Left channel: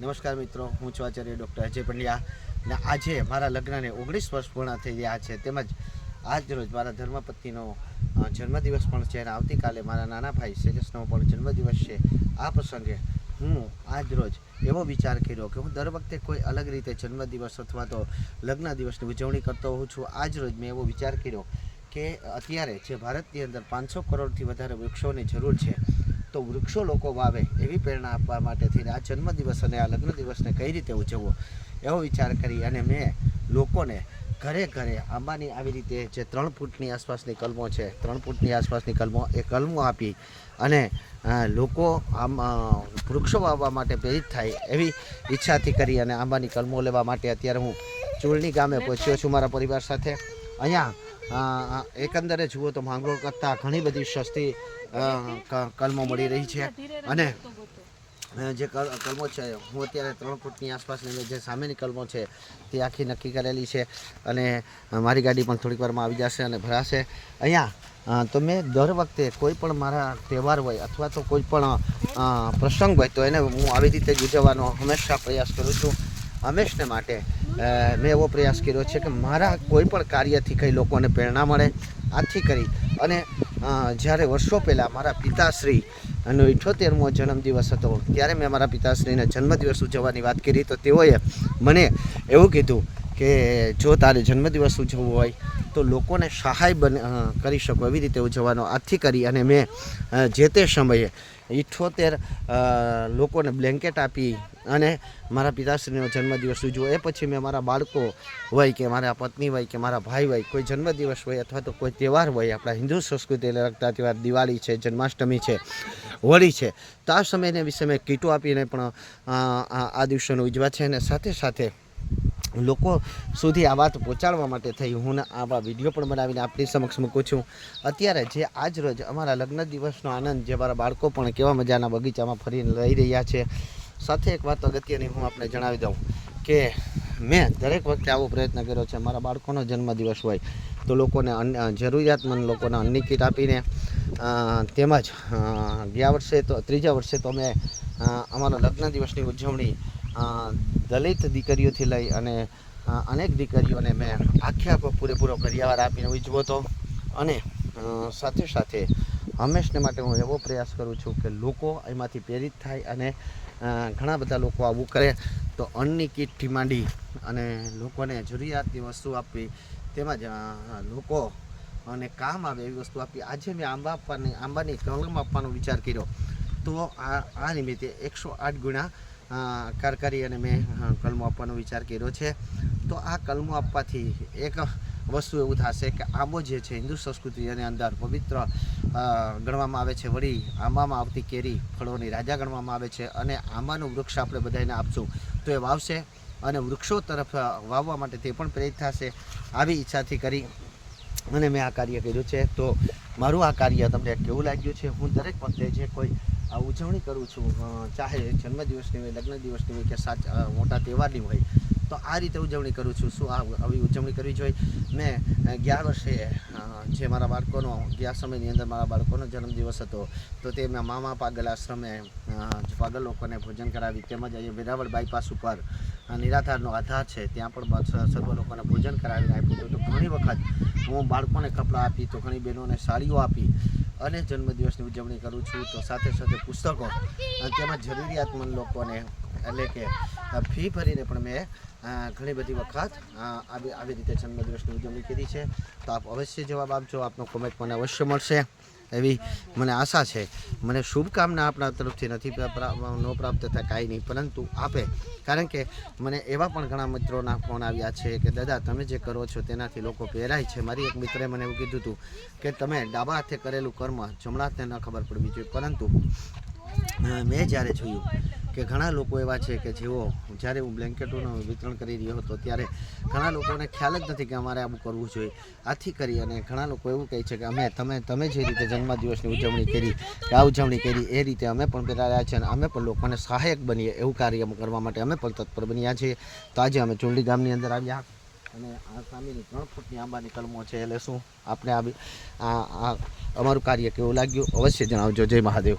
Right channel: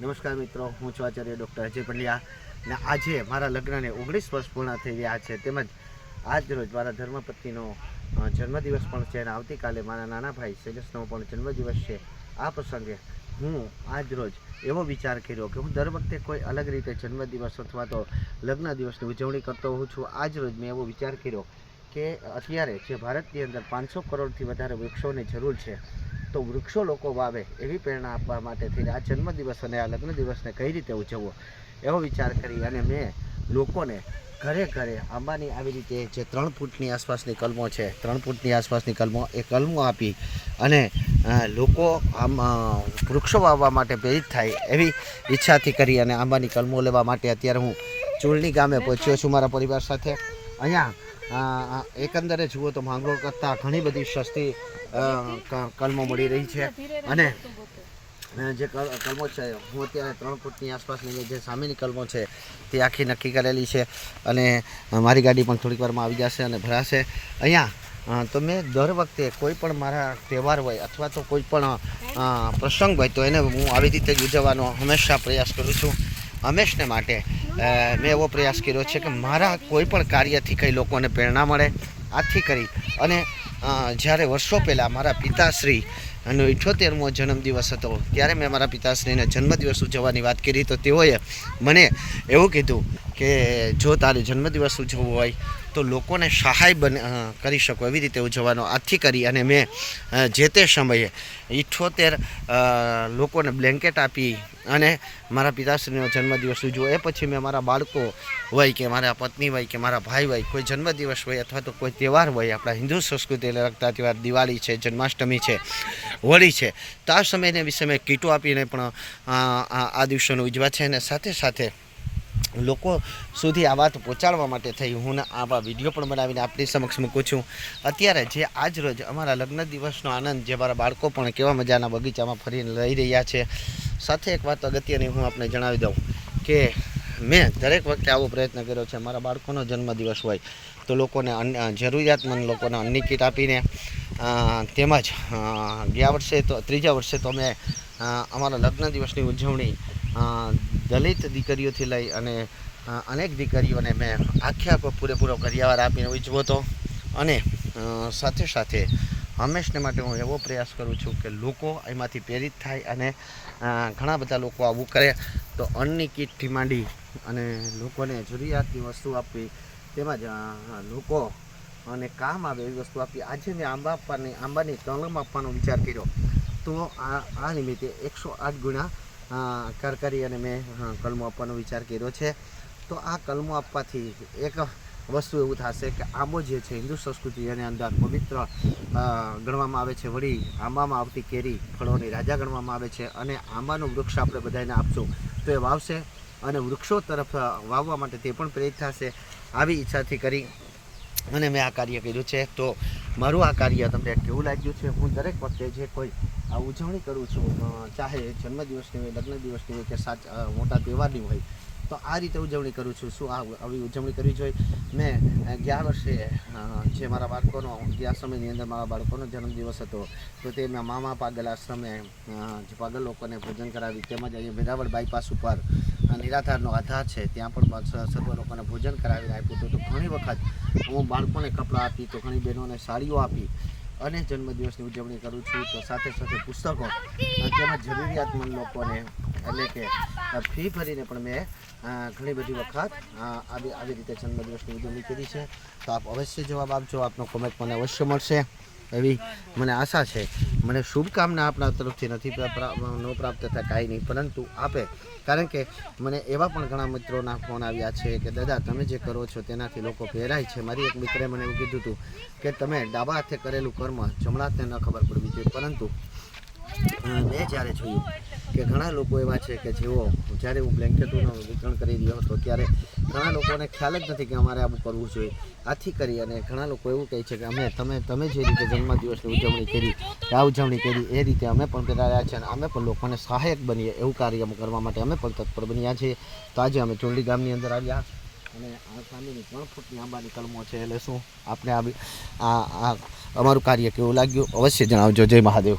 નમસ્કાર મિત્રો, હું છું આચાર્ય ડૉક્ટર અજય પંડ્યા ને આજે મારા લગ્નને 19 વર્ષ પૂર્ણ થઈ રહ્યા છે. તેમજ આજ રોજ મારા ધર્મપત્નીનો જન્મદિવસ પણ છે અને આવતીકાલે મારા નાના ભાઈ સેજસનો પણ જન્મદિવસ છે. આ પ્રસંગે હું આજ રોજ એવો વિચાર કર્યો કે હું દર વખતે કોઈ અલગ રીતે જન્મદિવસ અથવા તો લગ્ન દિવસની ઉજવણી કરતો હોઉં છું. આજ રોજ મેં એવો વિચાર કર્યો કે અત્યારે જે ભારતની અંદર 500 કરોડથી વધારે વૃક્ષોની જરૂર છે, તો વૃક્ષો લોકો વાવે એવી પ્રેરણા આપવા માટે થઈને આ જન્મદિવસ અને આ લગ્ન દિવસને કઈ રીતે ઉજવવો એવો વિચાર કરી અને મેં લોકોને ઘરે ઘરે આંબાની આવી રીતે જે 3 ફૂટની આસપાસની કલમો છે, 3 ફૂટની આસપાસની કલમો એ કલમો આપી અને લોકો આમ વૃક્ષો વાવવા માટે પ્રેરિત થાય એવી ઈચ્છાથી કરી અને આંબાની કલમો લેવા માટે અત્યારે હું ચૂલની ગામે પહોંચ્યો છું મારા પરિવાર સાથે. અહીંયા એકંદરે જુઓ તો માંગરોળ કરતાં ઘણી બધી સસ્તી કલમો મળી રહી છે અને જે કલમો છે હું અત્યારે 3 ફૂટની આસપાસની જે સામેની કલમો છે તે આખી નક્કી કરેલી છે અને મારી ગાડી પણ થોડીક વારમાં આવી જશે અને ભરાશે. અહીંયા તો મેં દર વખતે કોઈ પણ મારા તહેવાર હોય અથવા તો કોઈ પણ પ્રસંગ હોય તો એને હું આવી રીતે જ ઉજવવાનો હંમેશા પ્રયાસ કરું છું. હંમેશને માટે મેં એવો પ્રયાસ કર્યો છે કે મારા કોઈ પણ કાર્યથી કંઈ લોકોને પ્રેરણા મળે. આથી કરી અને જ્યારે વર્ષો પહેલાં મારા પિતાશ્રી અને 78મો જન્મદિવસ હતો ત્યારે મેં મારા પિતાશ્રીને જન્મદિવસ ઉજવવાની વાત કરી, તો તેઓએ મને એવું કીધું કે જો તારે જન્મદિવસ ઉજવવો હોય તો લોકોને સહાય કરી શકો એવી રીતે ઉજવવાનો. આથી કરી અને મેં જે તે સમયે 78 લોકોને બ્લેન્કેટ આપી અને મારા પિતાશ્રીનો જન્મદિવસ ઉજવો. એ પછી મેં મારા બાળકો હોય કે મારા પત્ની હોય કે મારા ભાઈ હોય કોઈ જન્મદિવસ હોય અથવા તો કોઈ તહેવાર હોય, આપણા હિન્દુ સંસ્કૃતિને લગતા તહેવાર દિવાળી છે, જન્માષ્ટમી છે, હોળી છે, તો આ સમયને વિશે મેં કીટો આપીને પણ આ દિવસોને ઉજવા છે અને સાથે સાથે લોકો સુધી આ વાત પહોંચાડવા માટે થઈ હું આવા વિડીયો પણ બનાવીને આપણી સમક્ષ મૂકું છું. અત્યારે જે આજ રોજ અમારા લગ્ન દિવસનો આનંદ જે મારા બાળકો પણ કેવા મજાના બગીચામાં ફરીને લઈ રહ્યા છે. સાથે એક વાત અગત્યની હું આપણે જણાવી દઉં કે મેં દરેક વખતે આવો પ્રયત્ન કર્યો છે. મારા બાળકોનો જન્મદિવસ હોય તો લોકોને જરૂરિયાતમંદ લોકોને અન્નની કીટ આપીને તેમજ ગયા વર્ષે તો 3જા વર્ષે તો મેં અમારા લગ્ન દિવસની ઉજવણી દલિત દીકરીઓથી લઈ અને અનેક દીકરીઓને મેં આખો પૂરેપૂરો કરિયાવર આપીને ઉજવો હતો. અને સાથે સાથે હંમેશને માટે હું એવો પ્રયાસ કરું છું કે લોકો એમાંથી પ્રેરિત થાય અને ઘણા બધા લોકો આવું કરે તો અન્નની કીટથી માંડી અને લોકોને જરૂરિયાતની વસ્તુ આપવી તેમજ લોકો અને કામ આવે એવી વસ્તુ આપી. આજે મેં આંબાની કલમ આપવાનો વિચાર કર્યો તો આ નિમિત્તે 108 ગુણા કાર કરી અને મેં કલમો આપવાનો વિચાર કર્યો છે. તો આ કલમો આપવાથી એક વસ્તુ એવું થશે કે આંબો જે છે હિન્દુ સંસ્કૃતિની અંદર પવિત્ર ગણવામાં આવે છે. વળી આંબામાં આવતી કેરી ફળોની રાજા ગણવામાં આવે છે અને આંબાનું વૃક્ષ આપણે બધાને આપશું તો એ વાવશે અને વૃક્ષો તરફ વાવવા માટે તે પણ પ્રેરિત થશે. આવી ઈચ્છાથી કરી અને મેં આ કાર્ય કર્યું છે. તો મારું આ કાર્ય તમને કેવું લાગ્યું છે? હું દરેક વખતે જે કોઈ આ ઉજવણી કરું છું, ચાહે જન્મદિવસની હોય, લગ્ન દિવસની હોય કે મોટા તહેવારની હોય, તો આ રીતે ઉજવણી કરું છું. શું આવી ઉજવણી કરવી જોઈએ? મેં ગયા વર્ષે જે મારા બાળકોનો ગયા સમયની અંદર મારા બાળકોનો જન્મદિવસ હતો તો તે મેં મામા પાગલ આશ્રમે પાગલ લોકોને ભોજન કરાવી, તેમજ અહીંયા વેરાવળ બાયપાસ ઉપર નિરાધારનો આધાર છે ત્યાં પણ સર્વ લોકોને ભોજન કરાવીને આપ્યું હતું. તો ઘણી વખત હું બાળકોને કપડાં આપી તો ઘણી બહેનોને સાડીઓ આપી અને જન્મદિવસની ઉજવણી કરું છું. તો સાથે સાથે પુસ્તકો તેમજ જરૂરિયાતમંદ લોકોને એટલે કે ફી ભરીને પણ મેં ઘણી બધી વખત આવી રીતે જન્મદિવસની ઉજવણી કરી છે. તો આપ અવશ્ય જવાબ આપજો. આપનો કોમેન્ટ મને અવશ્ય મળશે એવી મને આશા છે. મને શુભકામના આપણા તરફથી નથી પ્રાપ્ત થતા કાંઈ નહીં, પરંતુ આપે, કારણ કે મને એવા પણ ઘણા મિત્રોના ફોન આવ્યા છે કે દાદા તમે જે કરો છો તેનાથી લોકો પ્રેરાય છે. મારી એક મિત્રે મને એવું કીધું હતું કે તમે ડાબા હાથે કરેલું કર્મ જમણા હાથને ન ખબર પડવી જોઈએ, પરંતુ મેં જ્યારે જોયું કે ઘણા લોકો એવા છે કે જેઓ જ્યારે હું બ્લેન્કેટોનું વિતરણ કરી રહ્યો હતો ત્યારે ઘણા લોકોને ખ્યાલ જ નથી કે અમારે આવું કરવું જોઈએ. આથી કરી અને ઘણા લોકો એવું કહે છે કે તમે જે રીતે જન્મદિવસની ઉજવણી કરી કે આ ઉજવણી કરી એ રીતે અમે પણ પ્રેરાયા છે અને અમે પણ લોકોને સહાયક બનીએ એવું કાર્ય કરવા માટે અમે પણ તત્પર બન્યા છીએ. તો આજે અમે ચુંડી ગામની અંદર આવ્યા અને આ સામેની 3 ફૂટની આંબાની કલમો છે એટલે શું આપણે અમારું કાર્ય કેવું લાગ્યું અવશ્ય જણાવજો. જય મહાદેવ.